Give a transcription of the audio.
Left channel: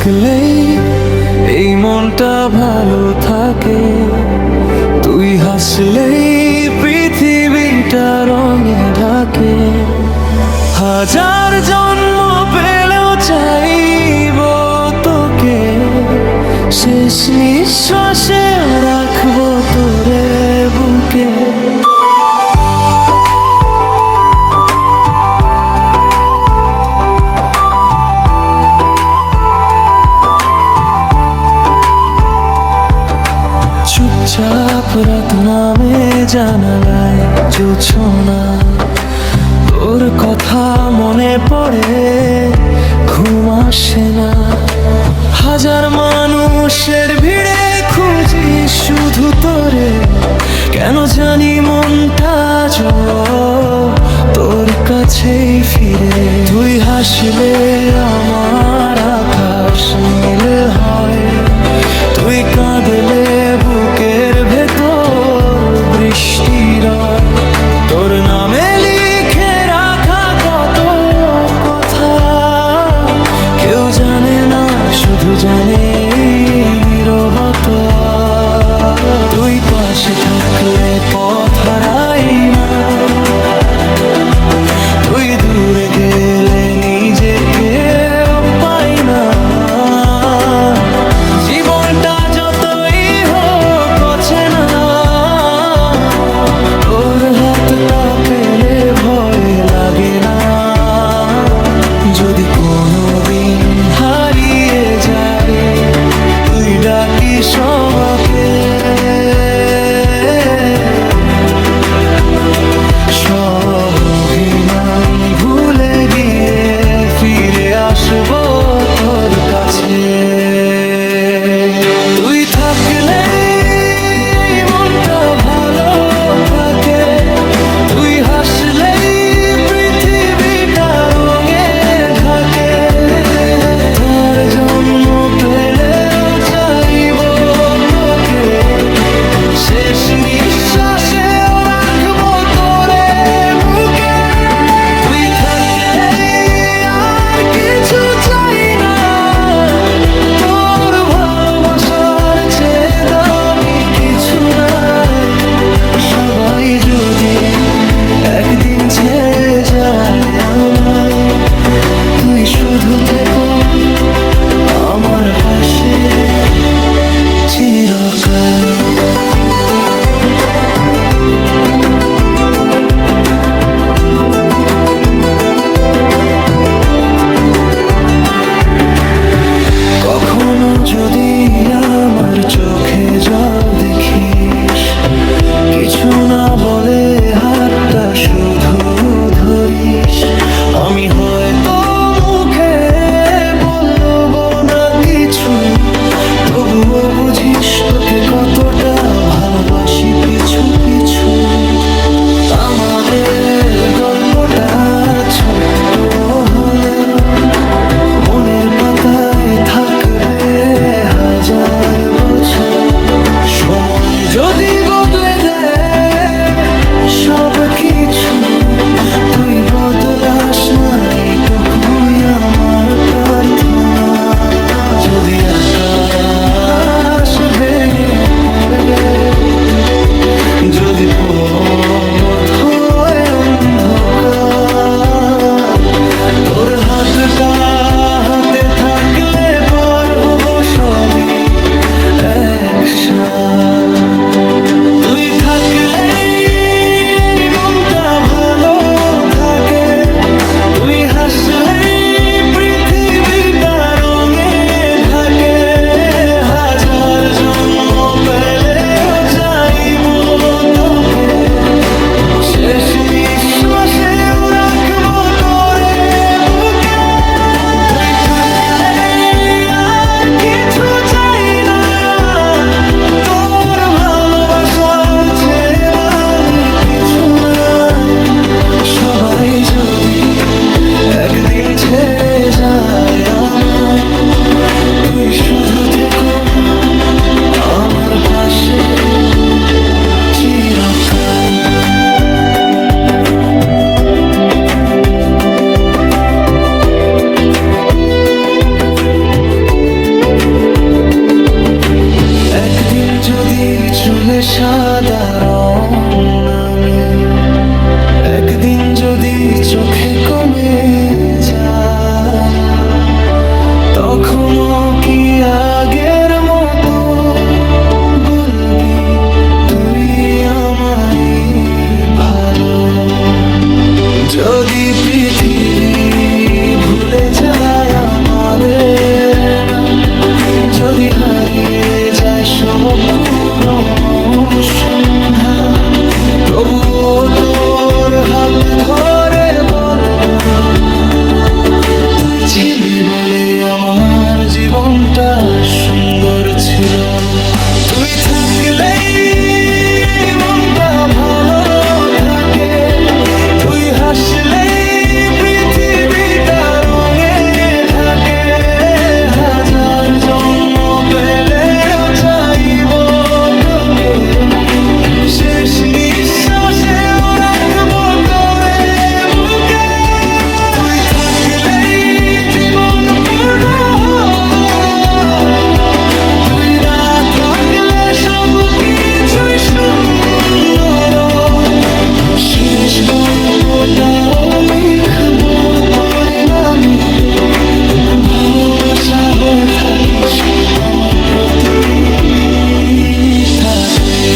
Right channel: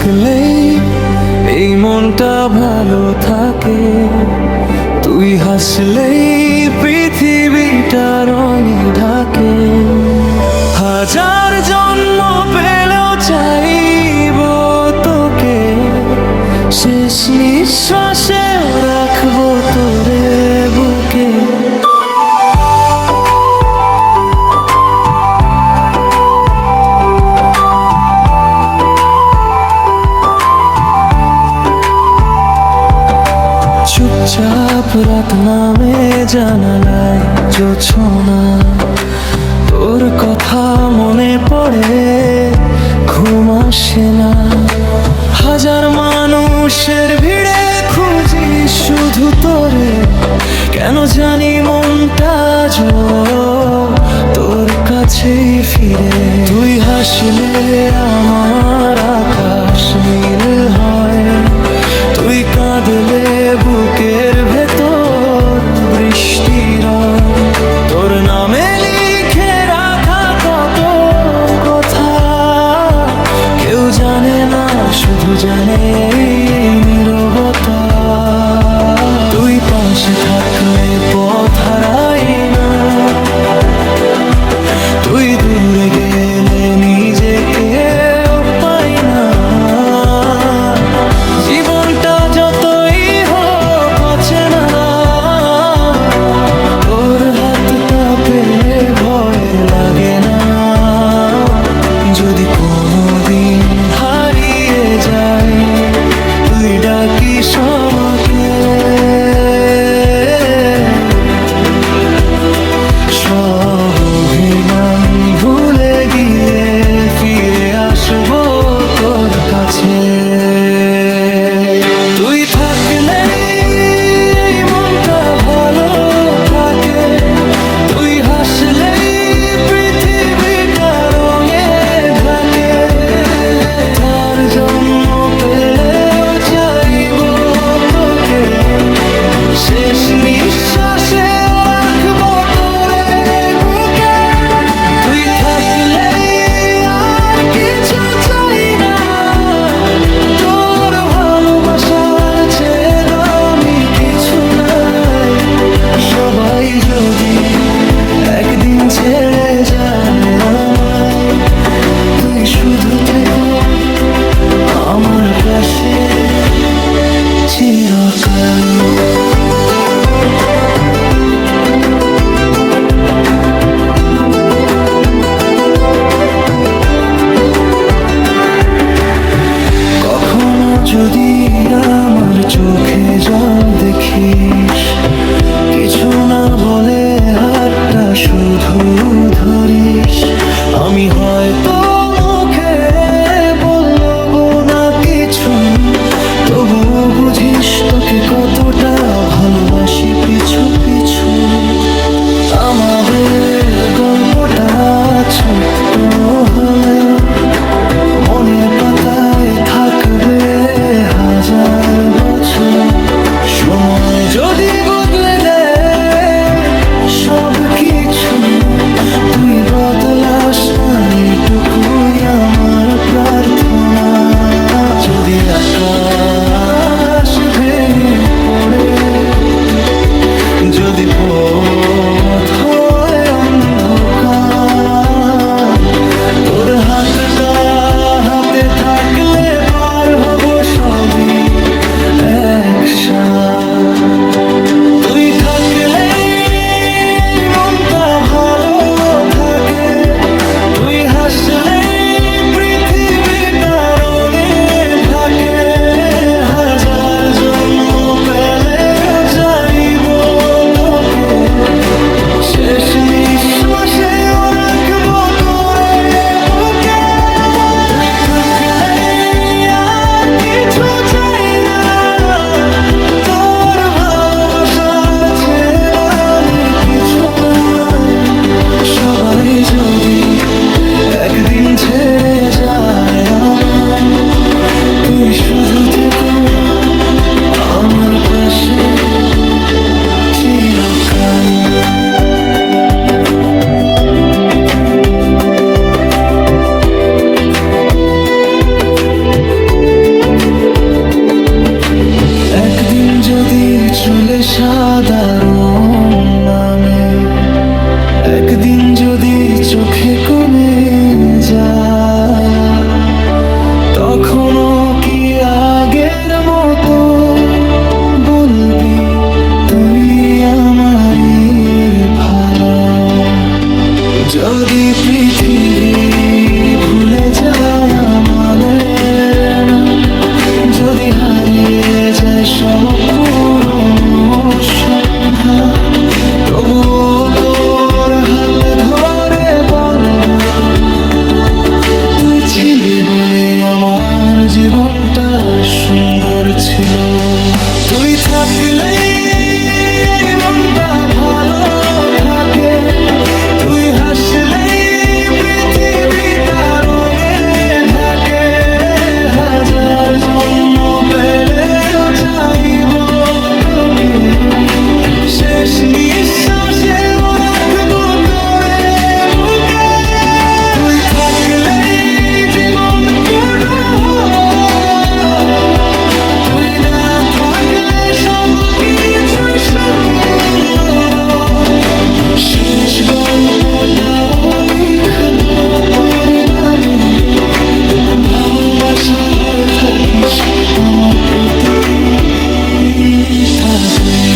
থাকলেই এই মনটা ভালো থাকে, তুই হাসলেই পৃথিবীটা রঙে ঢাকে। হাজার জন্ম পেলেও চাইব তোকে, শেষ নিঃশ্বাসে রাখবো তোরে বুকে। চুপচাপ রাত নামে জানালায় জোছনা, তোর কথা মনে পড়ে ঘুম আসে না। হাজার মানুষের ভিড়ে খুঁজি শুধু তোরে, কেন জানি মনটা তোর কাছেই ফিরে। তুই হাসলে আমার আকাশ নীল হয়, তুই কাঁদলে বুকের ভেতর বৃষ্টি রয়। তোর নামে লিখে রাখা কত কথা কেউ জানে না, শুধু জানে এই নীরবতা। তুই পাশে থাকলে পথ হারাই না, তুই দূরে গেলে নিজেকে পাই না। জীবনটা যতই হোক অচেনা, তোর হাতটা পেলে ভয় লাগে না। যদি কোনোদিন হারিয়ে যায় তুই ডাকিস আমাকে, সব অভিমান ভুলে গিয়ে ফিরে আসবো তোর কাছে। তুই থাকলে এই মনটা ভালো থাকে, তুই হাসলেই পৃথিবীটা রঙে ঢাকে। তার জন্ম পেলেও চাইব তোকে, শেষ নিঃশ্বাসেও রাখবো তোরে বুকে। তুই থাকলে আর কিছু চাই না, তোর ভালোবাসার চেয়ে দামি কিছু নাই। সবাই যদি একদিন ছেড়ে যায় আমায়, তুই শুধু থেকো আমার পাশে চিরকাল। কখনো যদি আমার চোখে জল দেখিস, কিছু না বলে হাতটা শুধু ধরিস। আমি হয়তো মুখে বলবো না কিছু, তবুও বুঝিস তোকে কতটা ভালোবাসি পিছু পিছু। আমাদের গল্পটা ছোট্ট হলেও মনের পাতায় থাকবে হাজার বছর। সময় যদি বদলে দেয় সব কিছু, তুই বদলাস না এইটুকুই আমার প্রার্থনা। যদি আকাশ ভেঙে পড়ে, যদি পথ হয় অন্ধকার, তোর হাতটা হাতে থাকলে পার হব সবই একসাথে। তুই থাকলে মনটা ভালো থাকে, তুই হাসলে পৃথিবীটা রঙে ঢাকে। হাজার জন্ম পেলেও চাইব তোকে, শেষ নিঃশ্বাসেও রাখবো তোরে বুকে। তুই থাকলে আর কিছু চাই না, তোর ভালোবাসার চেয়ে দামি কিছু নাই। সবাই যদি একদিন ছেড়ে যায় আমায়, তুই শুধু থেকো আমার পাশে চিরকাল। একদিন যদি চুলে সাদা রং নামে, একদিন যদি চোখে কমে জ্বালা, তখনও কি আগের মতো বলবি তুই আমারই ভালো? যদি পৃথিবী ভুলে যায় আমাদের নাম, যদি হারিয়ে যায় সব পুরনো সন্ধ্যা, তবুও তোর হাত ধরে বলবো তুই ছিলি বলে আমার জীবনটা সুন্দর ছিল। তুই থাকলেই এই মনটা ভালো থাকে, তুই হাসলেই পৃথিবীটা রঙে ঢাকে। হাজার জন্ম পেলেও চাইব তোকে, শেষ নিঃশ্বাসেও রাখবো তোরে বুকে। তুই থাকলেই জীবন পূর্ণ হয়, তুই না থাকলে সব কিছুই শূন্য রয়। শেষ গল্পটাও লিখবো তোরই নামে, ভালোবাসা হয়ে থাকিস আমার প্রতি থাকলে।